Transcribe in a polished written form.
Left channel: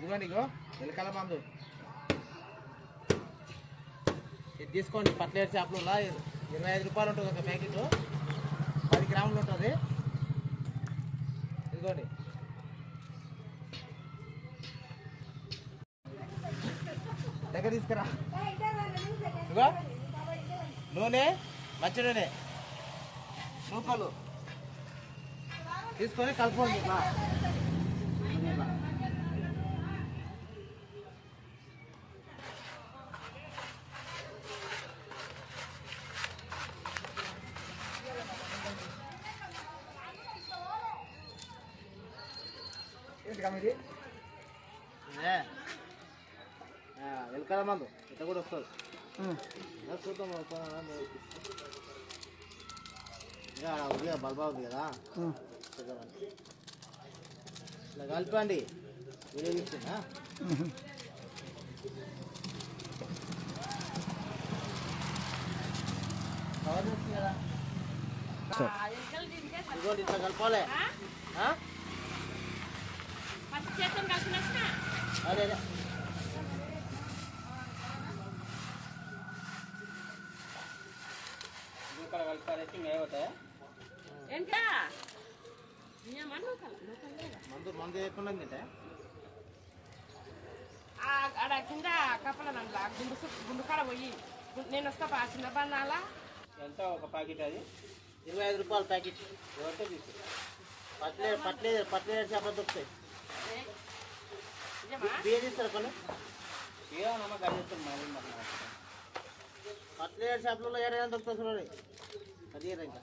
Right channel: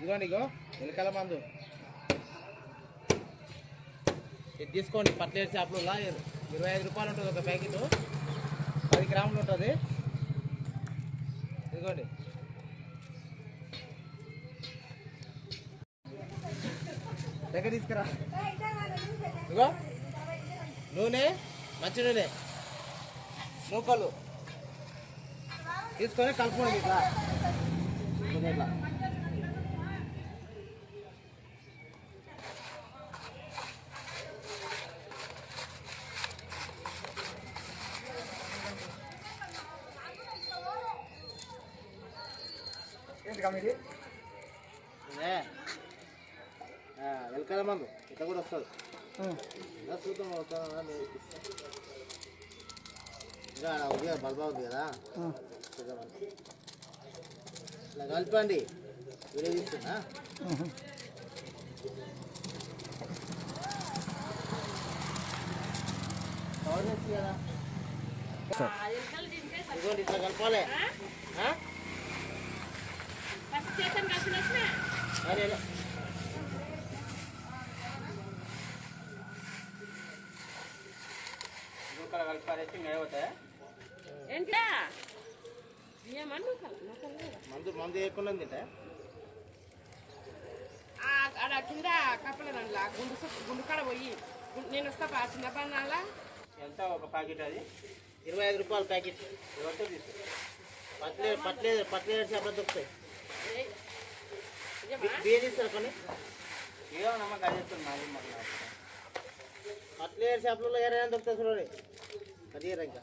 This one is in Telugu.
ఇదిగోండి ఇగో ఎలుకల మందు ఇది తీసుకోండి. పట్లేరు చేపలు 25 రూపాయలు ఉంటుంది ఒక ప్యాకెట్, 10 గ్రాములు ఉంటుంది. ఇదిగోండి దగ్గర తీసుకురా. ఇగో నూనె, మంచి నూనె, నూకలు తీసుకొని కలుపుకోండి ఇట్లా ఇట్లా. ఏంటి కమిటీ ఎలకల మందు ఇట్లా కూడా వస్తుంది. చూద్దాం ఇంకా ఉంది కదా, బల్బా ఉంది కదా, ఇట్లా కలపండి. వీడియో తీస్తున్నా. ఇదిగోండి ఇట్లా కలపాలి. अरे नहीं होता है मंदू मंदू తింటే అక్కడ కింద కప్పల దాంట్లో గుండు కాడ పోయి నేను వస్తా చిన్న పన్నాల. ఎంత ఒక ప్యాకెట్? అది 25 రూపాయల ప్యాకెట్. ఎవరితో తీసుకో. పట్లేరు చేపలు దొరుకుతాయి. బియ్య తీస్తారా కొన్ని? బియ్యం నమ్మకం అది చేస్తాను. పట్లేరు చేపలలో ఏదైనా దొరుకుతుంది చూడండి. అది ఇంకా